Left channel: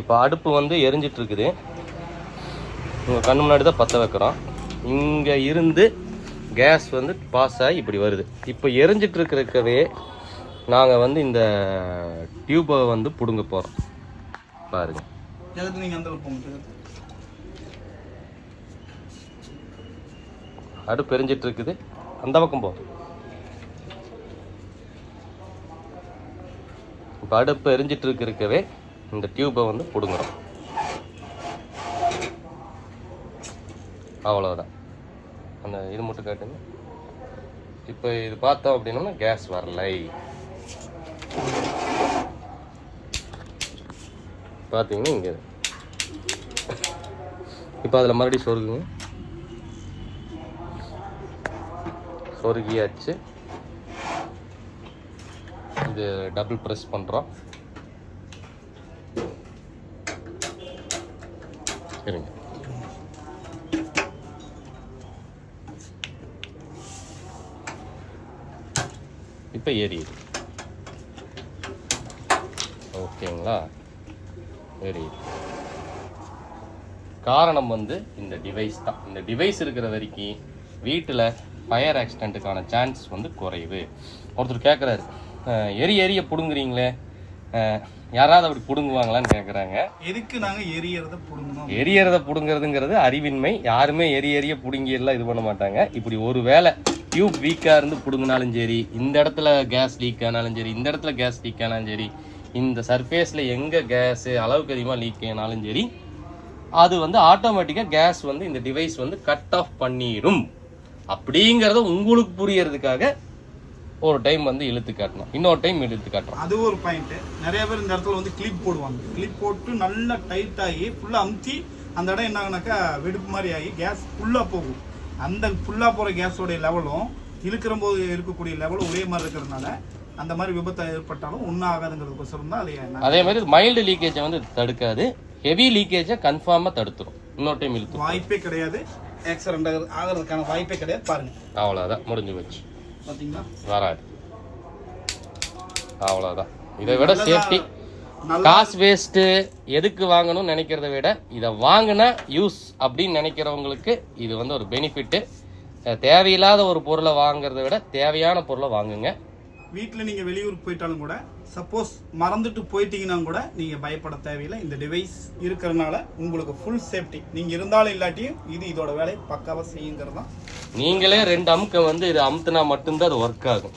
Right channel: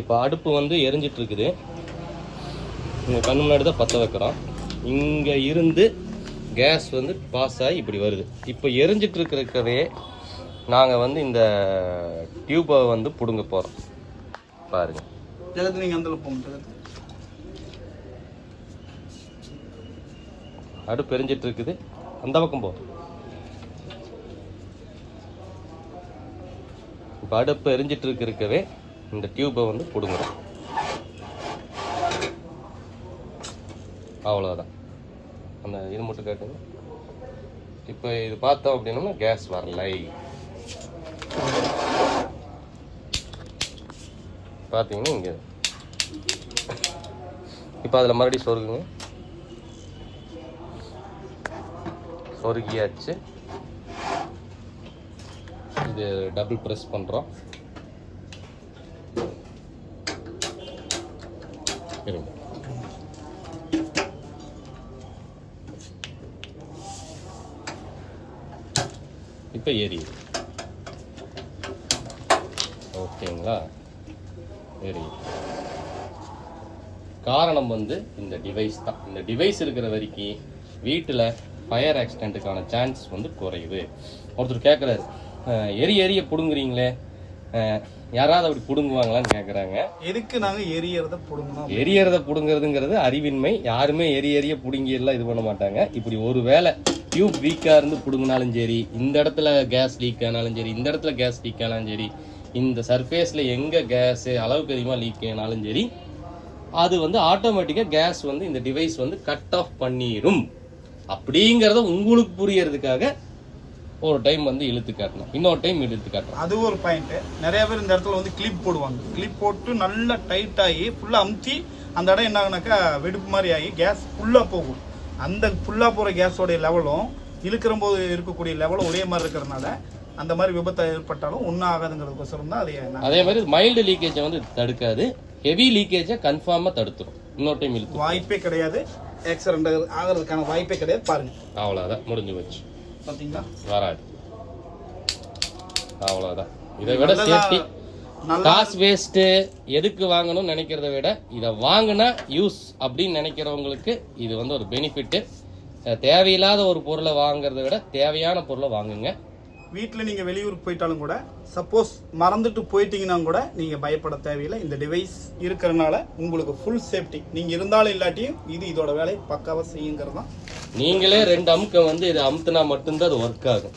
இப்போ அடுப்பு வந்து எரிஞ்சிட்டு இருக்குது. உங்கள் கண்ணு முன்னாடி தான் பற்ற வைக்கிறோம். இங்கே இருந்து கேஸ் வந்து பாஸ் ஆகி இப்படி வருது. இப்போ எரிஞ்சிட்டு இருக்கிறக்கவே நாங்கள் வந்து இந்த டியூப்பை வந்து பிடுங்க போகிறோம். பாருங்க, நீங்கள் அந்த போங்க. அடுப்பு எரிஞ்சிட்டு இருக்குது, அந்த பக்கம் போ. இப்போ அடுப்பு எரிஞ்சிட்டு இருக்கவே இந்த டியூப்பை வந்து பிடுங்குறோம். அவ்வளோதான். அந்த இது மட்டும் காட்டுங்க. இப்போ இது பார்த்தோம் அப்படின்னா கேஸ் வரலை. பார்த்தீங்கன்னா இங்கே இப்போ அதில் மறுபடியும் சொருகுங்க. சொருகியாச்சு. இது டபுள் ப்ரெஸ் பண்ணுறோம். சரிங்க. இப்போ எரியுது. ஓகேங்களா? எரியுது. காரணம் வந்து இந்த டிவைஸ் தான். இந்த டிவைஸ் இருக்கிற வரைக்கும் வீட்டில் ஃபயர் ஆக்சிடென்ட்டுக்கான சான்ஸ் வந்து குறையுது. ஒருத்தர் கேட்குறாரு, எரிய பிடுங்குறீங்களே, யாராவது அப்படி பிடுங்குவாங்களான்னு கேட்குறாங்க. எதுக்கு நாங்கள் எரியறத பிடுங்கிறதுங்கிறது அறிவின்மை. யாருமே எரிய பிடுங்கி எல்லாம் இது பண்ண மாட்டாங்க. இப்படி ஒரு வேளை டியூப் வீக்காக இருந்து பிடுங்கினாலும் சரி, இந்த இடத்துல கேஸ் லீக் ஆனாலும் சரி, இந்த இடத்துல கேஸ் லீக் ஆனாலும் சரி, இந்த சர்ஃபேஸில் எங்கே கேஸு அளவுக்கு அதிகமாக லீக் ஆனாலும் சரி, அது வந்து ஆட்டோமேட்டிக்காக கேஸ் வந்து இந்த டிவைஸ் வந்து கட் ஆஃப் பண்ணிடும். அப்படிங்கிறத உங்களுக்கு புரியறதுக்காக ஒரு டைம் வந்து இழுத்து காட்டணும், இன்னொரு டைம் இழுத்து காட்டணும். அது ஒரு பாயிண்ட். நிறைய பேர் இந்த இடத்துல வந்து கிளிப் போடுவாங்க. கிளிப் போட்டு நல்லா டைட் ஆகி ஃபுல்லாக அமுத்தி அந்த இடம் என்ன ஆகுனாக்கா வெடிப்பு மாதிரி ஆகி கேஸ் ஃபுல்லாக போகும். அந்த ஃபுல்லாக போகிற கேஸோடைய லெவலும் இழுக்கிற போது இருக்கக்கூடிய லெவலும் ஒரே மாதிரி இருக்கிறதுனால அந்த மாதிரி விபத்து ஏற்பட்டாலும் ஒன்றும் ஆகாதுங்கிறதுக்கோசரம் தான் அது. அதே மாதிரி மைல்டு லீக்கேஜை வந்து தடுக்காது, ஹெவி லீக்கேஜை கன்ஃபார்மாக தடுத்துரும். இன்னொரு டைம் இழுத்து வாய்ப்பே கிடையாது, ஆக்சிடென்ட் ஆகிறதுக்கான வாய்ப்பே கிடையாது. பாருங்க, அவ்வளோதான், முடிஞ்சு போச்சு. பார்த்தீங்களா? வராது. அவ்வளோதான். இதை விட சேஃப்டி, காசு வேஸ்ட்டு எதுக்கு வாங்கணும்னு நினைக்கிறத விட இதை வாங்கினா யூஸ் அப்படின்னு நினைக்கிறவங்களுக்கு இது வந்து ஒரு பெனிஃபிட்டு. தேவையில்லாத ஒரு பொருளை வாங்குறத விட தேவையான பொருளை வாங்குங்க. வீட்டில் நீங்கள் வெளியூருக்கு போயிட்டாலும் கூட, சப்போஸ் மறந்துட்டு போயிட்டீங்கன்னா கூட நீங்கள் பயப்பட தேவையில்லை. இந்த டிவைஸ் இருக்கிறனால உங்களுக்கு ஃபுல் சேஃப்டி. நீங்கள் இருந்தாலும் இல்லாட்டியும் இதோட வேலையை பக்காவாக செய்யுங்கிறது தான். நீங்களே 2 அமுக்க வந்து இது அமுத்துனா மட்டும்தான் அது ஒர்க் ஆகும்.